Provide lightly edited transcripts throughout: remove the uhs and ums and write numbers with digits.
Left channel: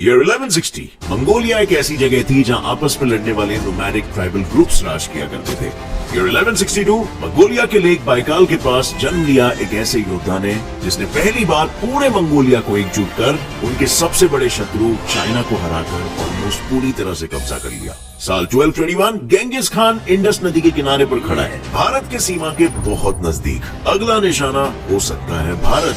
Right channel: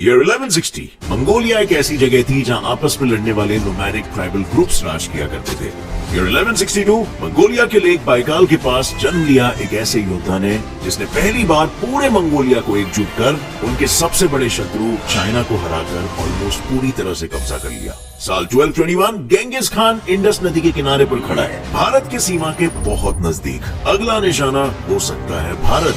Year 1160 Mongolia एक ऐसी जगह थी जहां आपस में लड़ने वाले नोमैडिक ट्राइबल ग्रुप्स राज किया करते थे। ईयर 1162 मंगोलिया के लेक बाइकाल के पास जन्म लिया एक ऐसे योद्धा ने जिसने पहली बार पूरे मंगोलिया को एकजुट कर उनके सबसे बड़े शत्रु चाइना को हराकर ऑलमोस्ट पूरी तरह से कब्जा कर लिया। साल 1221 गेंगिस खान इंडस नदी के किनारे पर खड़ा है, भारत के सीमा के बहुत नजदीक। अगला निशाना हो सकता है भारत,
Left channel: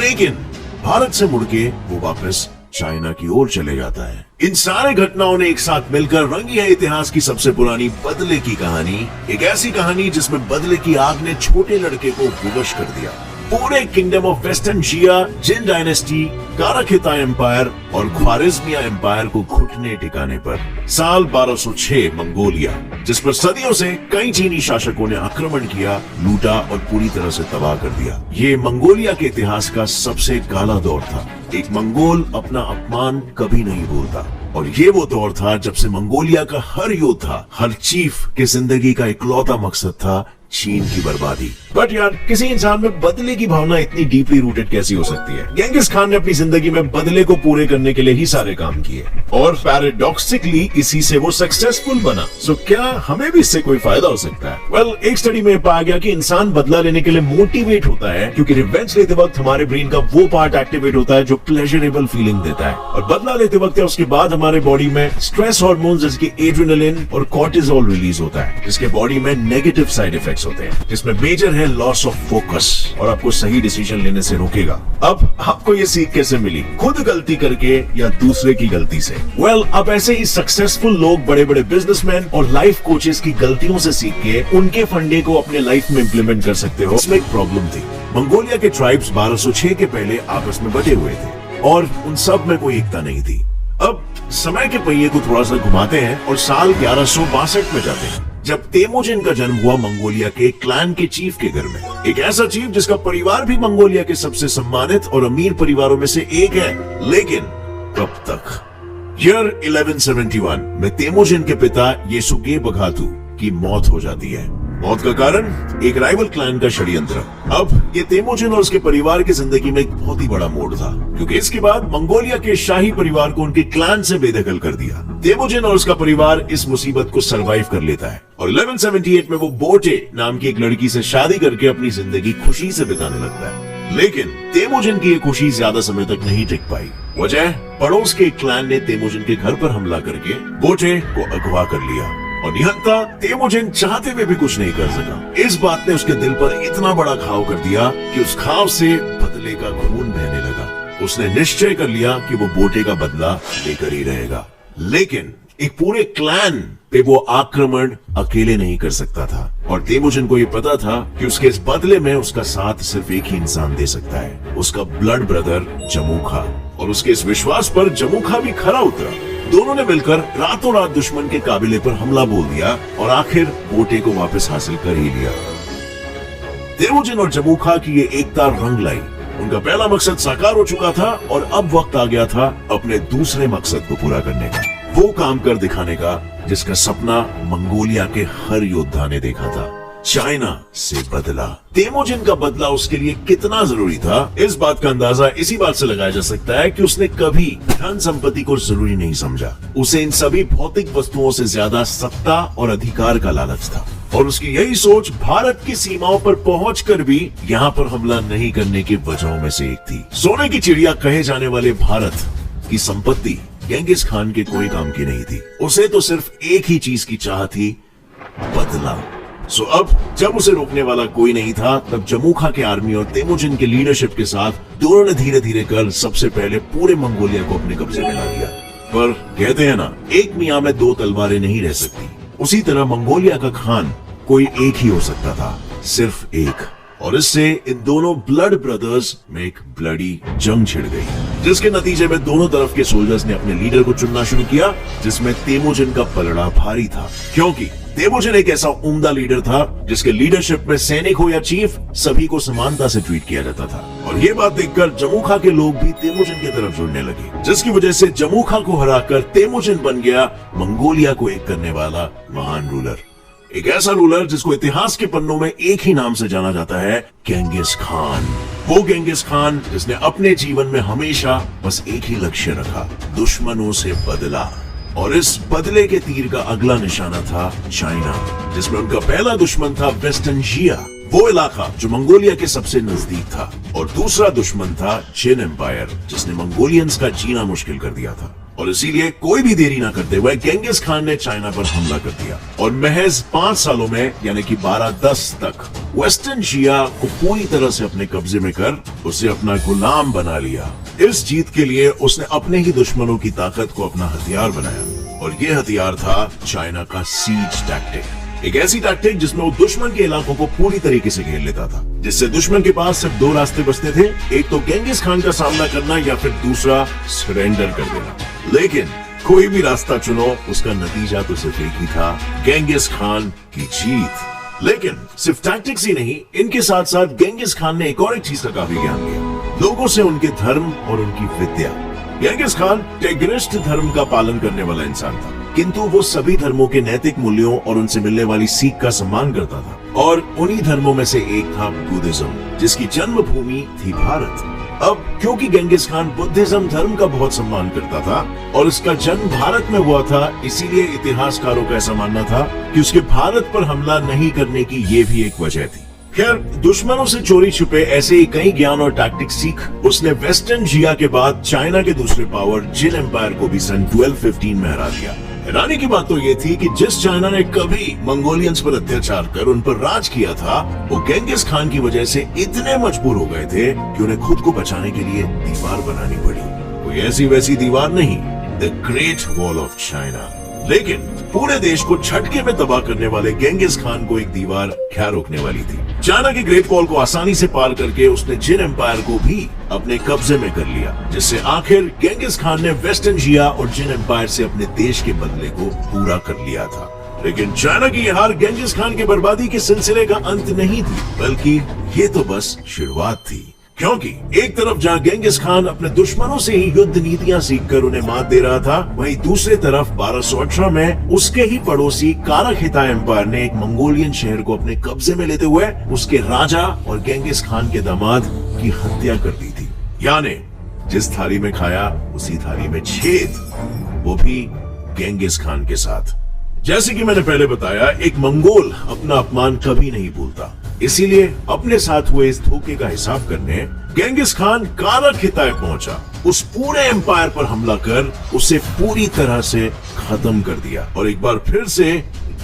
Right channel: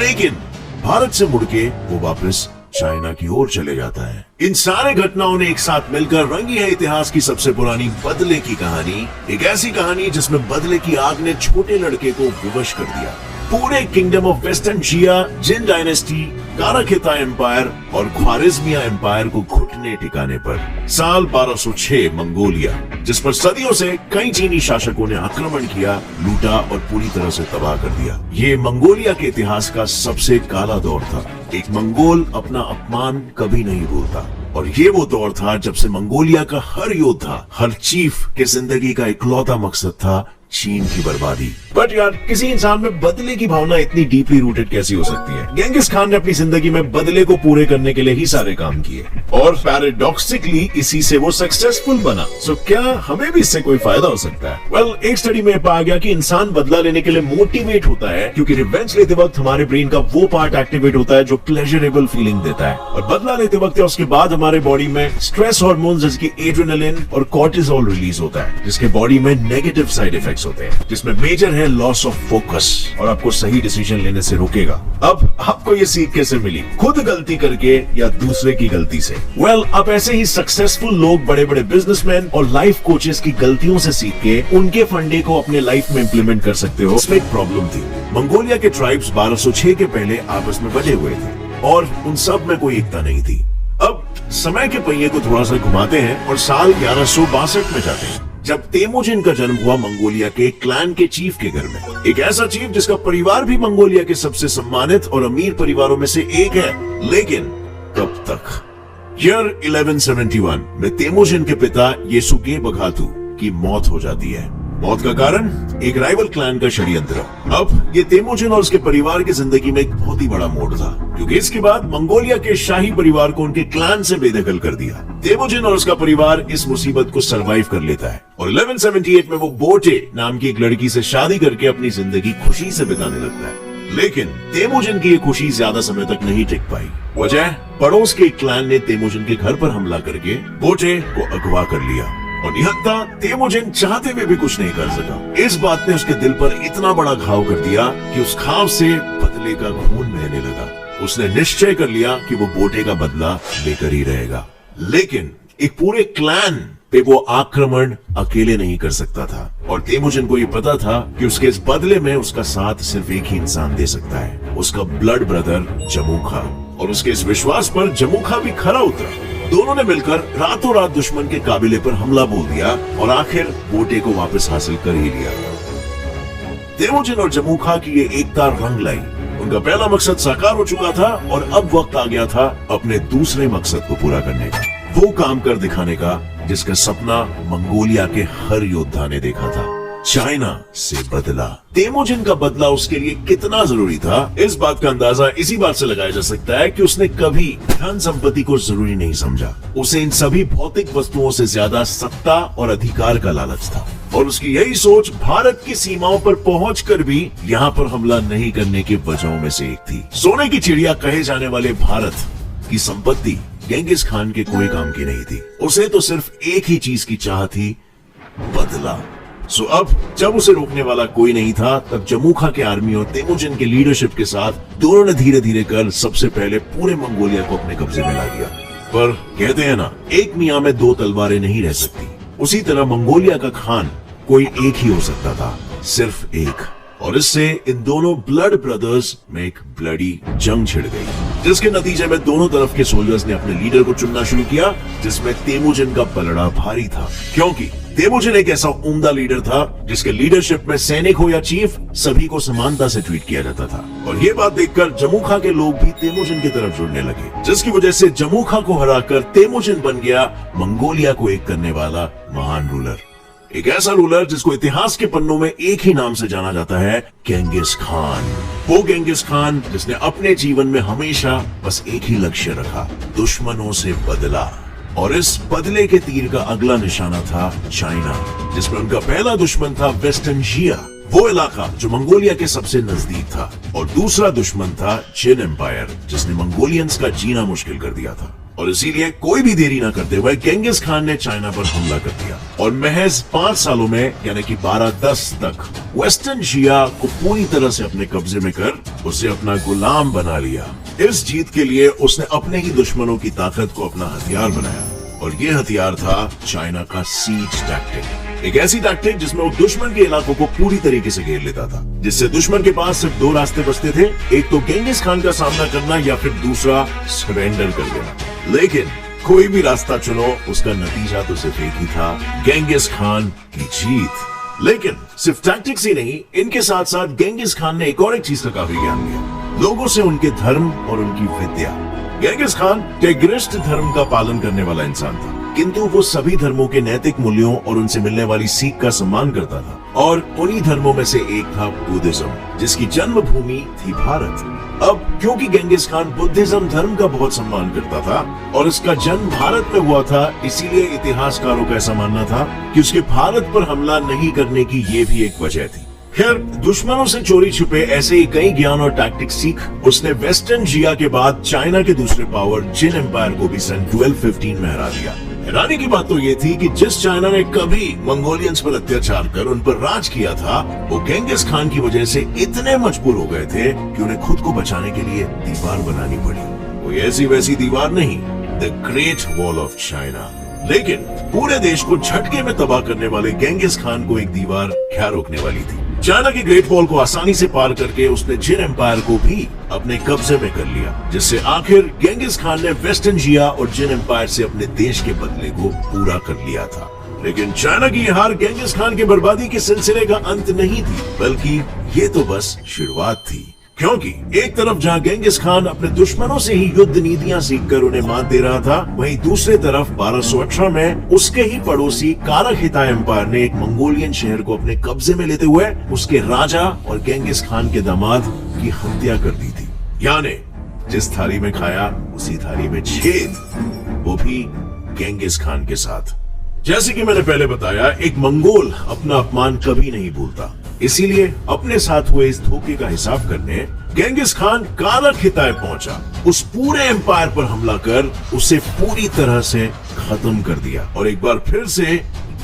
लेकिन भारत से मुड़के वो वापस चाइना की ओर चले जाता है। इन सारे घटनाओं ने एक साथ मिलकर रंगी है इतिहास की सबसे पुरानी बदले की कहानी। एक ऐसी कहानी जिसमें बदले की आग ने छोटे लड़के को विवश कर दिया। पूरे kingdom of western Xia, Jin dynasty, काराखिता एम्पायर और ख्वारिज्मिया एम्पायर को घुटने टिकाने पर साल 1206 मंगोलिया, जिस पर सदियों से कई चीनी शासकों ने आक्रमण किया, लूटा और पूरी तरह से तबाह कर दिया। ये मंगोलिया के इतिहास का सबसे काला दौर था। एक मंगोल अपना अपमान कभी नहीं भूलता, और ये वो दौर था जब से मंगोलिया का हर योद्धा, हर चीफ के जिंदगी का इकलौता मकसद था चीन की बर्बादी। बट यार, किसी इंसान में बदले की भावना इतनी डीपली रूटेड कैसी हो सकती है? गेंगिस खान ने अपनी जिंदगी में बदले को पूरे करने के लिए ही सारे काम किए, और पैराडॉक्सिकली इसी से वो सक्सेसफुल बना। सो क्या हमें भी इससे कोई फायदा हो सकता है? वेल, एक स्टडी में पाया गया कि इंसान बदला लेने के लिए मोटिवेट होता है क्योंकि रिवेंज लेते वक्त हमारे ब्रेन का वो पार्ट एक्टिवेट होता है जो प्लेजरेबल फीलिंग देता है, और बदला लेते वक्त या उसके बाद हमारे बॉडी में स्ट्रेस हार्मोन जैसे कि एड्रेनालिन और कॉर्टिसोल रिलीज होता है, जिसके बॉडी में नेगेटिव साइड इफेक्ट्स होते हैं, जिसमें मेजर है लॉस ऑफ फोकस और आपको सही डिसीजन लेने से रोकेगा। अब आपको ये सीख कैसे मिली? खुद गलती करके या दूसरे की गलती से? वेल, अब ऐसे ही सक्सेसफुल लोग, बड़े बड़े बिजनेसमैन और लाइफ कोचेस की गलतियों से सीख के उनके फंडे को अपने लाइफ में इम्प्लीमेंट कर सकते हो। इसमें एक प्रॉब्लम थी, मंगोलिया के ट्राइब्स 1206 के पहले आपस में बटे हुए थे और उन सब में कोई एकता नहीं थी। अब समय के पहिए को थोड़ा सा घुमाते हैं और साल 1162 में जाते हैं, जब तेमुजिन का जन्म हुआ मंगोलिया के क्लैन के चीफ के घर में। एक ऐसा चीफ जिसका परिवार भी मंगोलिया के सबसे सम्मानित और अमीर परिवारों में से एक है, लेकिन कब तक? ईयर 1171 में तेमुजिन के पिता येसुगे बघातु की मौत हो जाती है। मौत का कारण एक राइवल क्लैन का षड्यंत्र। अब ये तेमुजिन और उसके परिवार की जिंदगी में एक बहुत ही बड़ा मोड़ था, क्योंकि इसके बाद मंगोलिया के शाही परिवार को उनके क्लैन से बेदखल कर दिया। तेमुजिन और उसका परिवार इस मुसीबत को सरवाइव कर लेता है और 1178 में वो बोटे नाम की एक लड़की से शादी करके अपनी जिंदगी खुशी से बिताने लगता है। लेकिन तेमुजिन की ये खुशी ज्यादा समय तक नहीं टिक पाई। वजह, पड़ोस के क्लैन ने तेमुजिन के घर पर हमला करके बोटे को अगवा कर लिया और निहत्था तेमुजिन चाहते हुए भी कुछ नहीं कर सका। इस बात ने उसके दिल पर इतना बड़ा घाव कर दिया कि उस घाव से बदले का खून बहने लगा। उसने निश्चय कर लिया कि वो बोटे का बदला लेकर ही रहेगा, लेकिन एक पूरे क्लैन पे वो आक्रमण अकेले नहीं कर सकता था, और तेमुजिन को ये पता था कि उसके इस बदले में उसका साथ सिर्फ एक ही इंसान दे सकता है, उसका ब्लड ब्रदर जमुखा। और उसके इस विश्वास पर जमुखा भी खरा उतरा। दोनों ने मिलकर रातों रात दुश्मन के काबिले पर हमला बोल दिया और आखिर बोटे को वापस हासिल कर ही लिया। तेमुजिन और जमुखा की ये एकता रंग लाई। उनका पहला मकसद साकार हो चुका था और अब वक्त आ गया था अपने दूसरे मकसद को पूरा करने का, वो काम कर दिखाने का जिसका सपना मंगोलिया के हर योद्धा ने देखा था, चाइना से बदला। तेमुजिन का बदला उसके लिए कितना जरूरी था, इस बात का अंदाजा इसी बात से लगाया जा सकता है कि उसने कभी धन संपत्ति को जरूरी नहीं समझा। उसे इन सभी भौतिक वस्तुओं से ज्यादा सत्ता और अधिकार का लालच था, और उसकी यही सोच भारत की सीमाओं पर पहुंचकर भी यहाँ पर हमला नहीं करने की वजहों में से एक थी। सोने की चिड़िया कहे जाने वाले भारत की संपत्ति गेंगिस खान के कोई काम की नहीं थी। उसे तो सिर्फ एक ही चीज की चाह थी, बदला। सो अब जब उसे रोकने वाला कोई नहीं था, तब जमुखा के आर्मी और तेमुजिन की लीडरशिप के साथ दोनों ने धीरे धीरे कर सबसे पहले पूरे मंगोलिया को अपने कब्जे में ला लिया। पर कहते हैं ना, एक मियां में दो तलवारें नहीं रह सकती। उसी तरह मंगोलिया का खान कोई एक ही हो सकता था, सिर्फ एक। और इससे इन दोनों ब्लड ब्रदर्स में एक ब्लडी जंग छिड़ गई, जिसके नतीजे में दोनों तरफ के सोल्जर्स ने अपने लीडर को चुनना शुरू किया, जिसमें तेमुजिन का पलड़ा भारी था, क्योंकि तेमुजिन एक ऐसा उम्दा लीडर था जिसके लीडरशिप में सैनिक हो या चीफ, सभी को समानता से ट्रीट किया जाता था। और ये बात देखकर जमुखा के लोग भी तेमुजिन की तरफ जुड़ने लगे, जिसकी वजह से जमुखा को हराकर तेमुजिन बन गया मंगोलिया को एक करने वाला महान रूलर। एक ऐसा रूलर जिसको इतिहास के पन्नों में एक ही नाम से जाना जाता है, गेंगिस खान। वो गेंगिस खान जिसने अपने जीवन में हमेशा बस एक ही लक्ष्य रखा, दुश्मनों से बदला। और इस बदले के तीर का अगला निशाना था चाइना, जिसमें उनका पहला दुश्मन था वेस्टर्न जिया, वो इलाका जो मंगोलिया के सबसे नजदीक था। और दूसरा दुश्मन था चिन एम्पायर, जिसने मंगोलियंस का जीना मुश्किल कर दिया था। और इसीलिए कोई भी देरी ना करते हुए गेंगिस खान ने चाइना पर हमला कर दिया और महज 5 सालों में यानी कि 1210 तक वेस्टर्न जिया को पूरी तरह से अपने कब्जे में कर उसे अपना गुलाम बना लिया। इस जीत के लिए उसने अपने ही दुश्मनों की ताकत को अपना हथियार बनाया और ये हथियार था चाइना का सीज टैक्टिक। एक ऐसी टैक्टिक जिसमें वो दुश्मन के इलाकों को पूरी तरीके से घेर लेता था, जिससे दुश्मन के पास सिर्फ 2 रास्ते बचते थे, एक तो गेंगिस खान का सामना करना या फिर दूसरा सरेंडर कर देना। लेकिन कोई भी रास्ता चुनो, उसका नतीजा तो सिर्फ एक ही था, गेंगिस खान की जीत। लेकिन सिर्फ टैक्टिक्स ही नहीं, इनके साथ साथ गेंगिस खान ने एक और चीज का काफी ज्ञान लिया, लोगों से उनके धर्म और उनकी विद्या। गेंगिस खान टिग्रिस्ट धर्म का पालन करने वाला इंसान था, किंतु वो सभी धर्मों के नैतिक मूल्यों और उनसे मिलने वाली सीख का सम्मान करता था। और उन्हीं धर्मों में से एक था बुद्धिज्म, जिसकी जन्मभूमि थी भारत। अब क्योंकि गेंगिस खान बुद्धिज्म धर्म का बहुत सम्मान करता था और इसका जन्म भारत में हुआ था, इसीलिए इतिहासकारों का ऐसा मानना था कि उसके भारत पर हमला नहीं करने की ये भी एक वजह थी। खैर, दुश्मनों से चोरी छुपे ऐसे ही कई ज्ञान और टैक्टिक्स सीख उसने वेस्टर्न जिया के बाद चाइना के दूसरे पावर चिन एम्पायर को भी सन 1215 में हरा दिया। हैरानी की बात तो ये थी कि जिस चाइना ने कभी मंगोलियंस पर अत्याचार कर उन पर राज किया था, वो गेंगिस खान की वजह से इतने मजबूर हो गए थे कि उन्हें खुद को बचाने के लिए दीवार बनानी पड़ी। कोई ऐसी वैसी दीवार नहीं, the great wall of China. लेकिन पूरे देश को झटके में तबाह करने वाले गेंगिस खान को एक दीवार क्या रोकने वाली थी। चाइना के ग्रेट वॉल को आसानी से पार करके उसने चिन एम्पायर को भी अपने कब्जे में कर लिया, जिससे आखिर गेंगिस खान ने वेस्टर्न जिया और चिन एम्पायर से अपने देश के बदले को पूरा कर लिया था। लेकिन चाइना की हार गेंगिस खान के बर्बादी के सिलसिले का अंत नहीं थी, बल्कि ये तो बस शुरुआत थी। क्योंकि एक तरफ जहां गेंगिस खान अपने दुश्मनों से ही युद्ध नीतियां सीखकर उन्हें मात दे रहा था, वहीं दूसरी तरफ 1218 में उसके ही पड़ोसी काराखिताई एम्पायर ने एक मंगोलियन शहर को अपने कब्जे में लेते हुए उसके राजा और गेंगिस खान के दामाद की हत्या कर दी थी। यानी जिस थाली में खाया उसी थाली में छेद, वो भी गेंगिस खान के साथ। जैसे कि मैंने पहले बताया, एक मंगोल अपना अपमान कभी नहीं भूलता, इसीलिए अपने साथ हुए इस धोखे का हिसाब करने गेंगिस खान काराखिताई पहुंचा। उस पूरे एम्पायर पर हमला कर उसे पूरी तरह से खत्म कर दिया और एक बार फिर से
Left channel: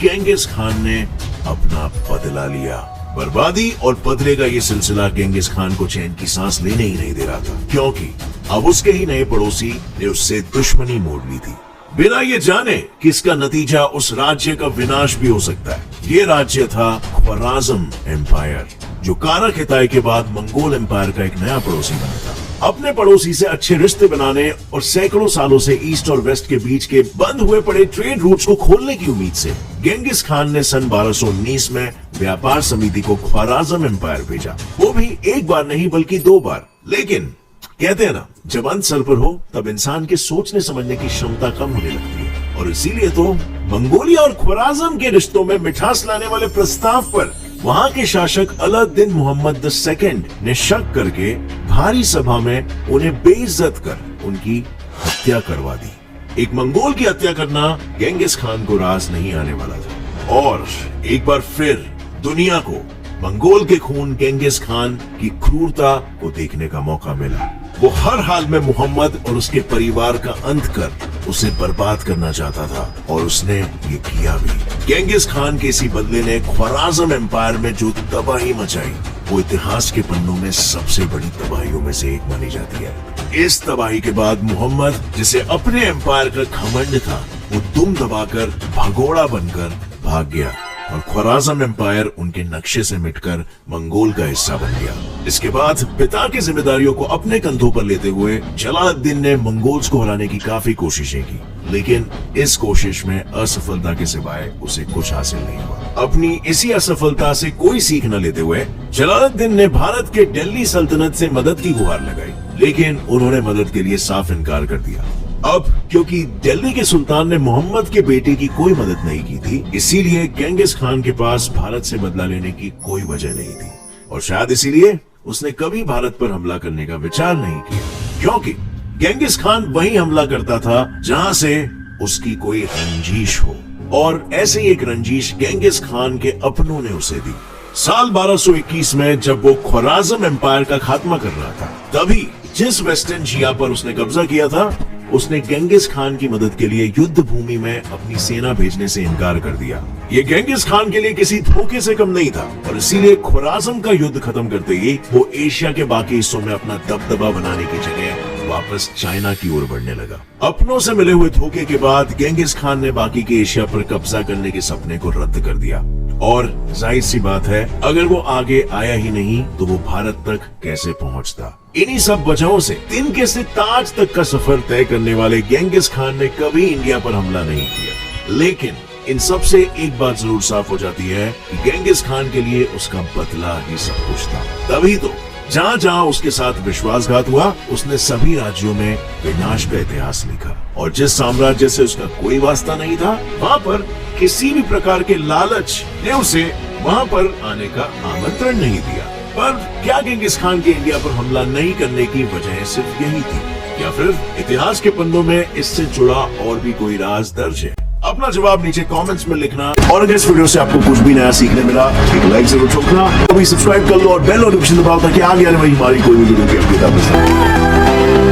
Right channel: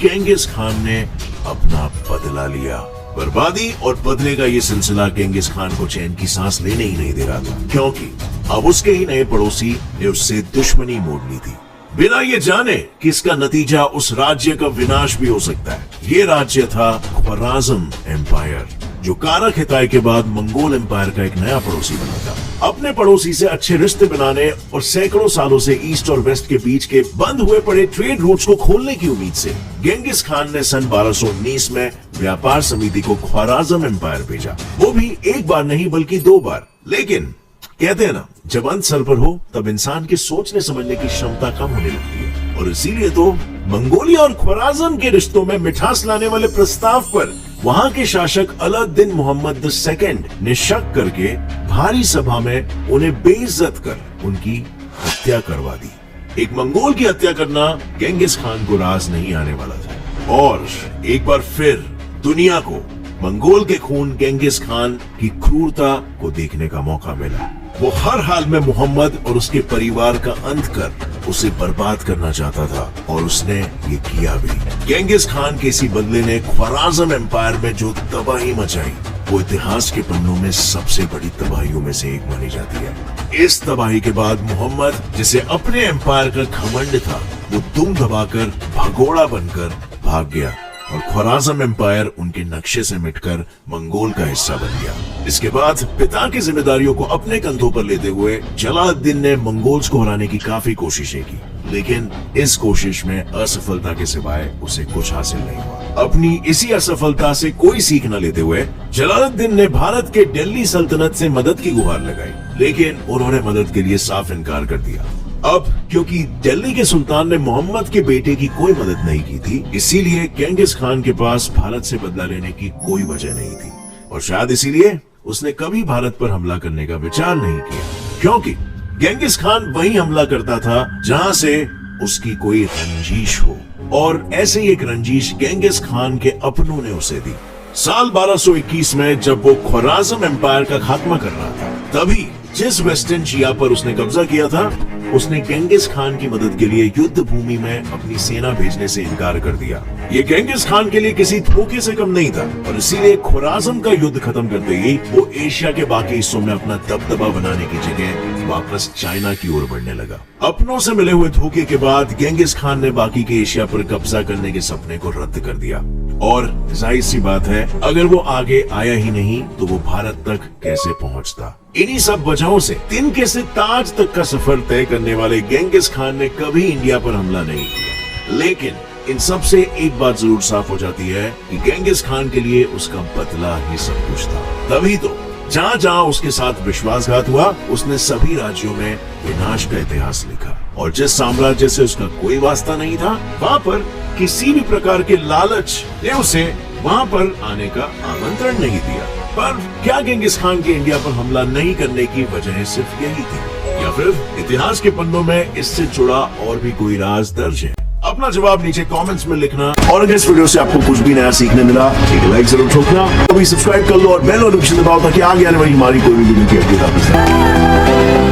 गेंगिस खान ने अपना बदला लिया। बर्बादी और बदले का ये सिलसिला गेंगिस खान को चैन की सांस लेने ही नहीं दे रहा था, क्योंकि अब उसके ही नए पड़ोसी ने उससे दुश्मनी मोड़ ली थी, बिना ये जाने कि इसका नतीजा उस राज्य का विनाश भी हो सकता है। ये राज्य था ख्वाराज़म एम्पायर, जो काराखिताई के बाद मंगोल एम्पायर का एक नया पड़ोसी बना था। अपने पड़ोसी से अच्छे रिश्ते बनाने और सैकड़ों सालों से ईस्ट और वेस्ट के बीच के बंद हुए पड़े ट्रेड रूट्स को खोलने की उम्मीद से गेंगिस खान ने सन 1219 में व्यापार समिति को ख्वाराज़म एम्पायर भेजा। वो भी एक बार नहीं बल्कि 2 बार। लेकिन कहते हैं ना, जब अंत सर पर हो तब इंसान के सोचने समझने की क्षमता कम होने लगती है, और इसीलिए तो मंगोलिया और ख्वाराज़म के रिश्तों में मिठास लाने वाले प्रस्ताव पर वहां के शासक अलाउद्दीन मोहम्मद II ने शक करके भारी सभा में उन्हें बेइज्जत कर उनकी हत्या करवा दी। एक मंगोल की हत्या करना गेंगिस खान को राज नहीं आने वाला था, और एक बार फिर दुनिया को मंगोल के खून गेंगिस खान की क्रूरता को देखने का मौका मिला। वो हर हाल में मोहम्मद और उसके परिवार का अंत कर उसे बर्बाद करना चाहता था, और उसने ये किया भी। गेंगिस खान के इसी बदले ने ख्वाराज़म एम्पायर में जो तबाही मचाई, वो इतिहास के पन्नों में सबसे बड़ी तबाहियों में से एक मानी जाती है। इस तबाही के बाद मोहम्मद, जिसे अपने एम्पायर का घमंड था, वो दुम दबाकर भगोड़ा बनकर भाग गया और ख्वाराज़म एम्पायर उनके नक्शे से मिटकर मंगोल का हिस्सा बन गया। इसके बाद पिता की जिम्मेदारियों को अपने कंधों पर लेते हुए जलालुद्दीन ने मंगोल्स को हराने की काफी कोशिशें की, लेकिन इस कोशिश में असफलता के सिवाय उसे कुछ हासिल नहीं हुआ। अपनी इसी असफलता से कोई सीख न लेते हुए जलालुद्दीन ने भारत के दिल्ली सल्तनत से मदद की गुहार लगाई, लेकिन उन्होंने मदद के लिए साफ इनकार कर दिया। अब क्योंकि दिल्ली के सुल्तान ने मोहम्मद के बेटे की कोई मदद नहीं की थी, इसीलिए गेंगिस खान के पास भारत से बदला लेने की कोई वजह नहीं थी और शायद इसीलिए उसने कभी भारत पर हमला करने का विचार नहीं किया, क्योंकि गेंगिस खान वही हमला करता था जहां से उसकी कोई रंजिश हो। और ऐसी एक रंजिश गेंगिस खान के अपनों ने उसे दी। साल 1221 में जब वो ख्वाराज़म एम्पायर का खात्मा कर रहा था, तभी जिस वेस्टर्न जिया पर उसने कब्जा किया था, उसने गेंगिस खान की मदद के लिए युद्ध भूमि में अपनी सेना भेजने से इनकार कर दिया। ये गेंगिस खान के लिए किसी धोखे से कम नहीं था और इसीलिए ख्वाराज़म का युद्ध खत्म करते ही वो एशिया के बाकी हिस्सों में अपना दबदबा बनाने की जगह वापस चाइना की ओर बढ़ने लगा। अपनों से मिले हुए धोखे के बाद गेंगिस खान ने बाकी के एशिया पर कब्जा करने के सपने को रद्द कर दिया और जाहिर सी बात है, अगर वो आगे आया ही नहीं तो वो भारत तक कैसे पहुंचता। इन्हीं सब वजहों से तिनके से ताज तक का सफर तय करने वाले गेंगिस खान ने कभी इंडिया पर हमला नहीं किया। लेकिन इन सब से एक बात जरूर साफ हो जाती है कि गेंगिस खान के लिए उसका बदला ही सब कुछ था। तभी तो जहाँ जहाँ उसके साथ विश्वासघात हुआ, उसने सभी राज्यों में विनाश का इतिहास लिखा और जिस साम्राज्य से उसका कोई वास्ता नहीं था, वहाँ पर किसी भी प्रकार के लालच ने उसे वहाँ पर आने का आमंत्रण नहीं दिया। पर क्या गेंगिस खान के इंडिया पर हमला नहीं करने की वजह सिर्फ यही थी, या फिर इतिहास के पन्नों में इससे जुड़ा और भी कोई राज दर्ज है? अपना जवाब नीचे कमेंट्स में लिखना और अगर इस वीडियो से आपको कुछ भी नया सीखने मिला, एक लाइक जरूर ठोकना। अभी सब्सक्राइब कर लो और बेल नोटिफिकेशन दबाओ ताकि आगे आने वाली हमारी कोई भी वीडियो की अपडेट आप मिस ना हो।